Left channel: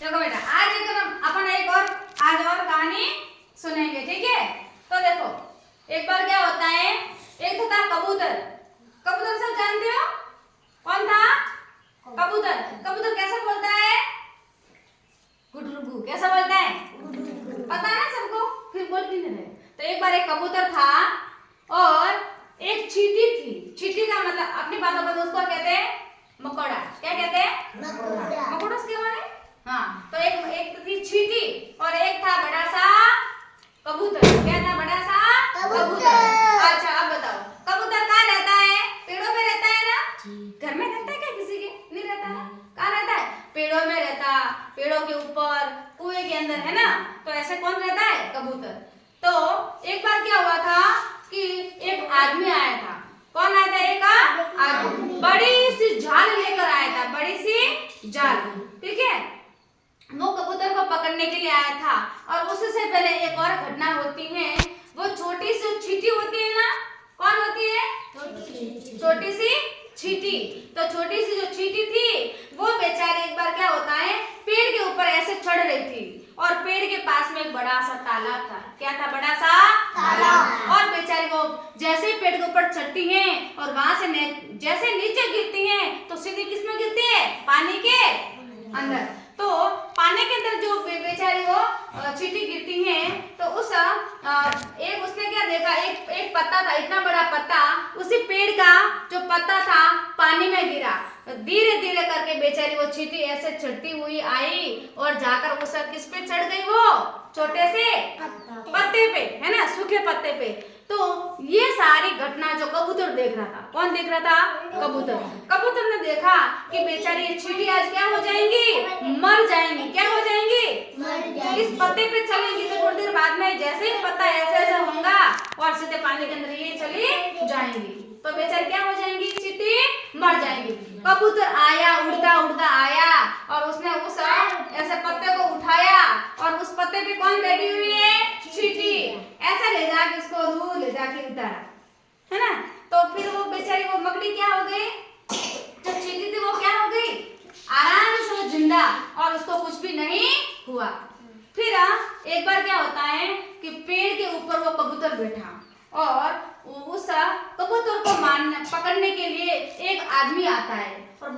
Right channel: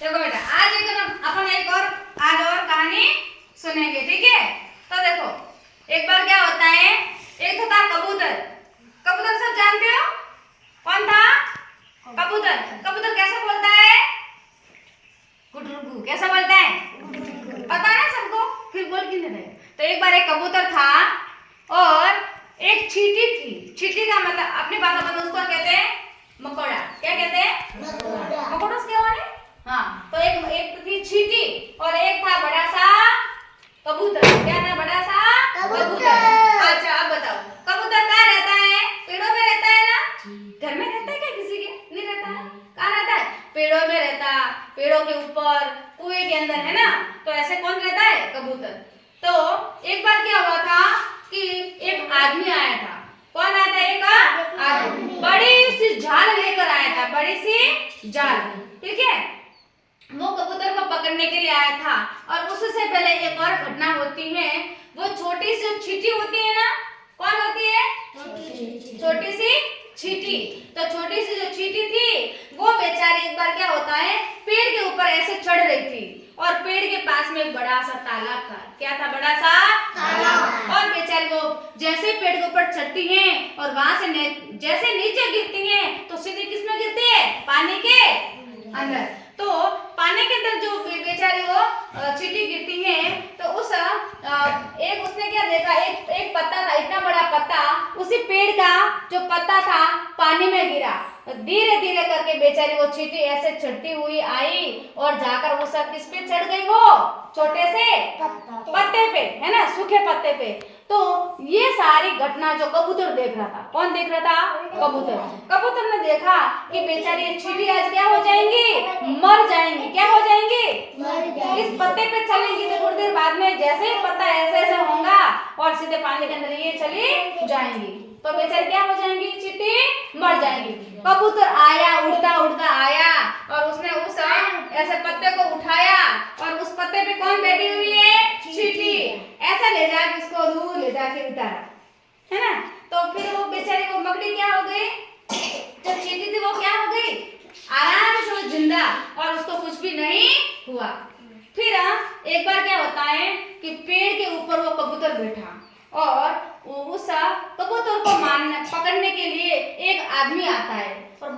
देखो बेटा, आज अपन आज और कहानी सुनेंगे, ठीक है। तो देखो, एक बार क्या होता है, एक था कबूतर। कबूतर सब जानते हो, कौन था? कबूतर। कबूतर कैसे बोलता है? गुडरुगु। कैसा बोलता है? पता है ना सबको, फिर बोल क्यों नहीं रहे। तो एक बार एक कबूतर था और एक चींटी थी। चींटी का मतलब अपनी भाषा में उसको कहते हैं मकोड़ा। क्या कहते हैं? मकोड़ा। मकोड़ा क्या माने? हाँ, तो एक थी चींटी और एक था बड़ा सा कबूतर। क्या था? बड़ा सा कबूतर। अच्छा, अब बताओ, कबूतर कहाँ रहता है? पेड़ों में रहता है ना? घर में रहता है क्या किसी के? नहीं रहता है। कहाँ रहता है? पेड़ों में रहता, पेड़ों के ऊपर, कुएं के अंदर, है ना। तो ऐसे कौन रहता है? कबूतर। तो एक बार क्या हुआ था कि एक आदमी आया था। कौन आया था? एक आदमी बड़ी सी जाल लेकर आया था, बड़ी सी जाल, ठीक है। वो कबूतर को पकड़ने के लिए आया था। और उससे पहले एक और घटना होती है। वो छोटी सी चींटी होती है ना, कौन होती है? छोटी सी चींटी। तो छोटी सी जो चींटी थी वो बेचारी, एक बार क्या होता है, पेड़ के ऊपर ऐसे चढ़ रही थी और पेड़ के पास में एक बड़ा सा तालाब था। क्या था? बड़ा सा तालाब। और बेचारी वो जैसे पेड़ के ऊपर चढ़ती हैं और वहां से जैसे नीचे गिरती हैं तो सीधे किसमें गिरती है? पानी के अंदर। तो पानी के अंदर जो बेचारी वो चींटी गिरती है तो उसने क्या देखा, एक पत्ता था, इतना बड़ा पत्ता, उसी पेड़ का जो पत्ता था पानी में गिरा। धीरे धीरे करके बेचारी वो चींटी ऐसे चढ़ती हुई आई और जाकर वो किस पे चढ़ गई? वो छोटे से पत्ते पे, है ना, सूखे पत्ते पे। तो ये सारी घटना जो कबूतर देख रहा था, कौन देख रहा था? कबूतर। कबूतर ने देखा कि बेचारी ये चींटी आज क्या हो जाएंगी? मर जाएंगी। क्या हो जाएंगी? इस पत्ते पे चलेंगी तो थोड़ी देर बाद में जैसे ही पत्ता ऐसे ऐसे होगा और सीधे पानी के अंदर ये चली जाएंगी, तो बेचारी क्या हो जाएंगी? चींटी मर जाएंगी। कबूतर आया, उड़ता उड़ता आया और उसने उस ऐसे पत्ते को उठाया और उस पत्ते पे कौन बैठी हुई है? चींटी। ऐसा ले जाके उसको दूर ले जाके उतारा, है ना। तो फिर वो बेचारी वो मकड़ी क्या हो गई? जो चींटी थी वो क्या हो गई? आराम से वो जिंदा, और उसको कुछ भी नहीं हुआ। फिर एक बार क्या होता है कि पेड़ के ऊपर वो कबूतर बैठा और उस कबूतर को पकड़ने के लिए एक आदमी आता है और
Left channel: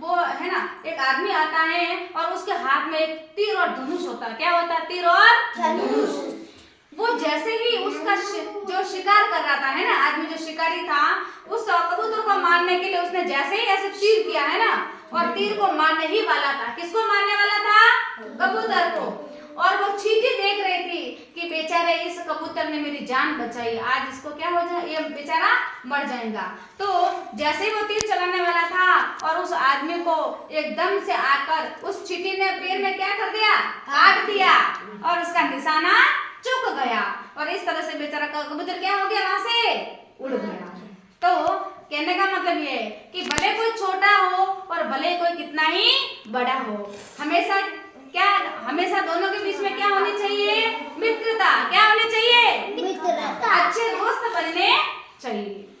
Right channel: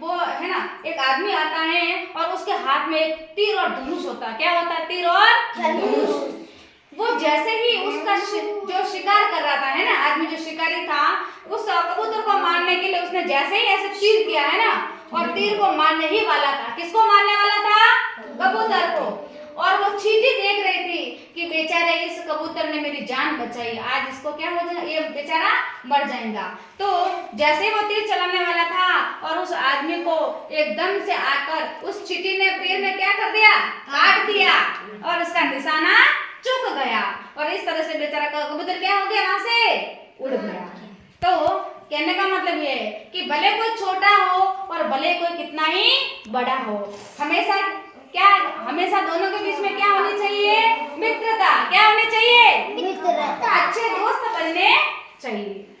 वो है ना, एक आदमी आता है और उसके हाथ में एक तीर और धनुष होता है। क्या होता है? तीर और धनुष। वो जैसे ही उसका जो शिकार कर रहा था, है ना, आदमी जो शिकारी था, उस कबूतर को मारने के लिए उसने जैसे ही ऐसे तीर किया, है ना, और तीर को मारने ही वाला था। किसको मारने वाला था? कबूतर को। और वो चींटी देख रही थी कि बेचारे इस कबूतर ने मेरी जान बचाई, आज इसको क्या हो जाए, ये बेचारा मर जाएगा। तो जैसे ही वो तीर चलाने वाला था और उस आदमी को एकदम से आकर उस चींटी ने पैर में क्या कर दिया? काट दिया और उसका निशाना चूक गया और इस तरह से बेचारा कबूतर क्या हो गया? वहां से उड़ गया। तो कहने का मतलब ये है कि भले कोई छोटा हो और भले कोई कितना ही बड़ा हो, हमेशा दोनों के बीच में क्या होनी चाहिए? मित्रता। क्या होनी चाहिए? मित्रता। अच्छे दोस्त बनने चाहिए।